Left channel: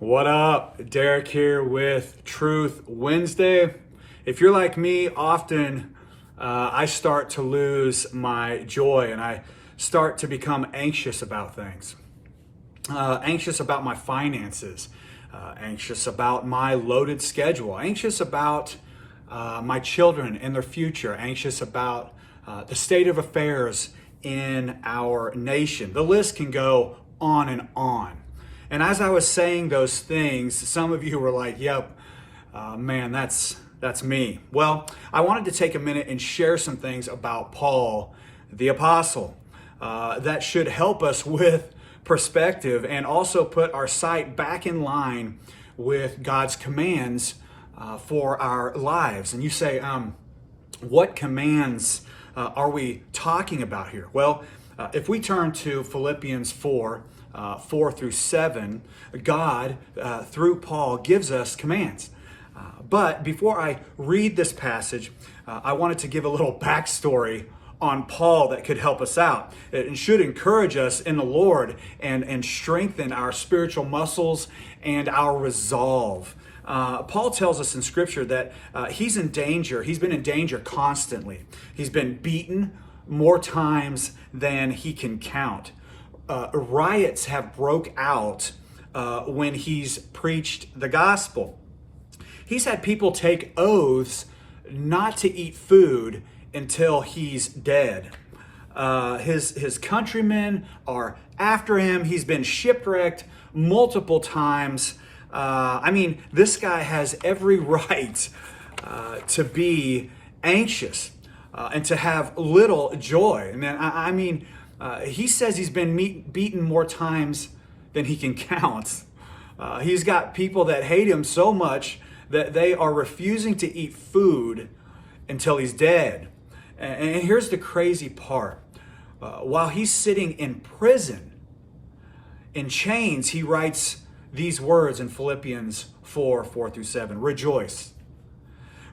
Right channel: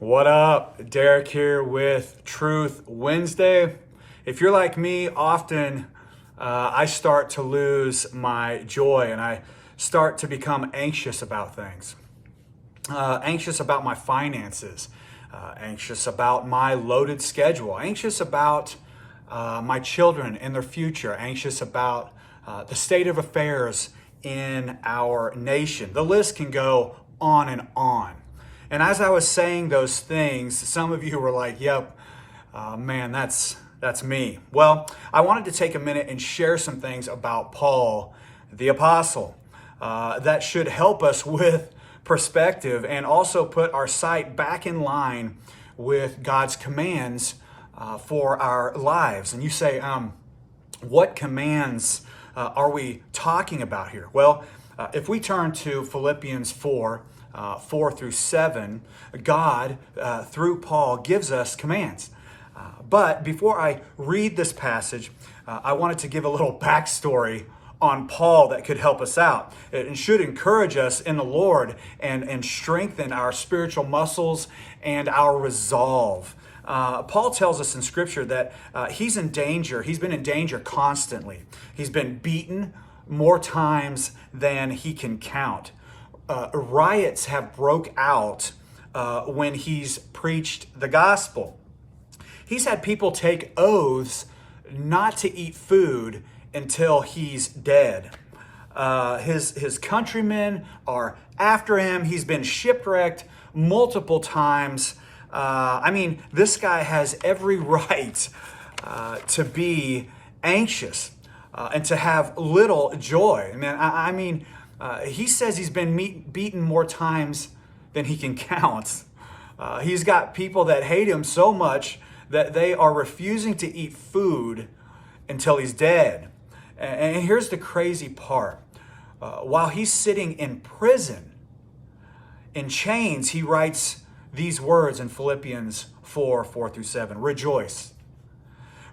What up? Derek here with Truth Wednesday. If you're like me, often I start to lose my joy and I start to become anxious about things. Anxious about my finances, anxious about my loaded schedule, anxious about my children and their future, anxious about the state of affairs in our nation. The list can go on and on. And as I was saying those things, some of you were like, yep, man, that's me. Well, I wanted to take a minute and share some things about Paul, the apostle, that should help us with perspective and also put our sight back in line with God's commands for our lives. And you say, what commands are we talking about here? Well, if we turn to Philippians 4 through 7, God, through Paul, gives us commands. But before I read this passage, I wanted to give a little backstory on Paul that could help us out. It should encourage us in the Lord and strengthen our spiritual muscles and our resolve. Paul tells us in Scripture that he's in danger. He's been in danger constantly. He's been beaten more times than he can count. Riots have broke out when he's preached the gospel. He's had people take oaths not to eat food until he's dead. His countrymen are after him. He's been shipwrecked multiple times. This guy has every right to be anxious and to have little joy. He says he's been beaten more times than he can count. He's got people that hate him so much that they are refusing to eat food until he's dead. And here's the crazy part. While he's sitting in prison, in chains, he writes these words in Philippians 4 through 7. Rejoice.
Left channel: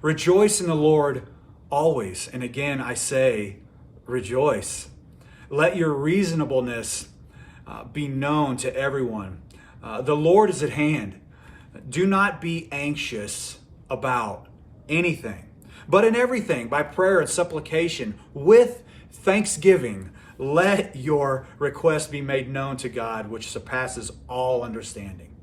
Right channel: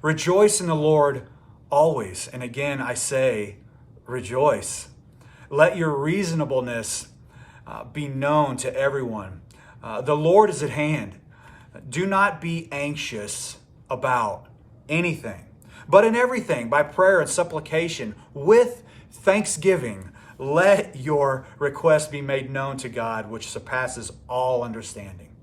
Rejoice in the Lord always. And again, I say, rejoice. Let your reasonableness be known to everyone. The Lord is at hand. Do not be anxious about anything, but in everything, by prayer and supplication, with thanksgiving, let your requests be made known to God, which surpasses all understanding.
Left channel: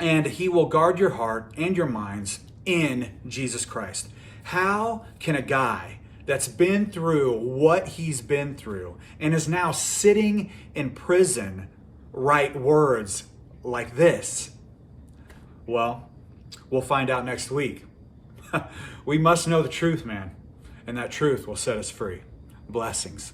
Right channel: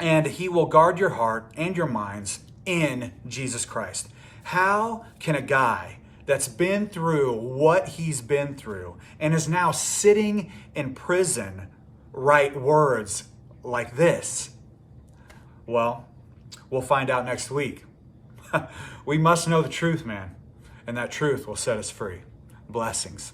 And he will guard your heart and your minds in Jesus Christ. How can a guy that's been through what he's been through and is now sitting in prison write words like this? Well, we'll find out next week. We must know the truth, man, and that truth will set us free. Blessings.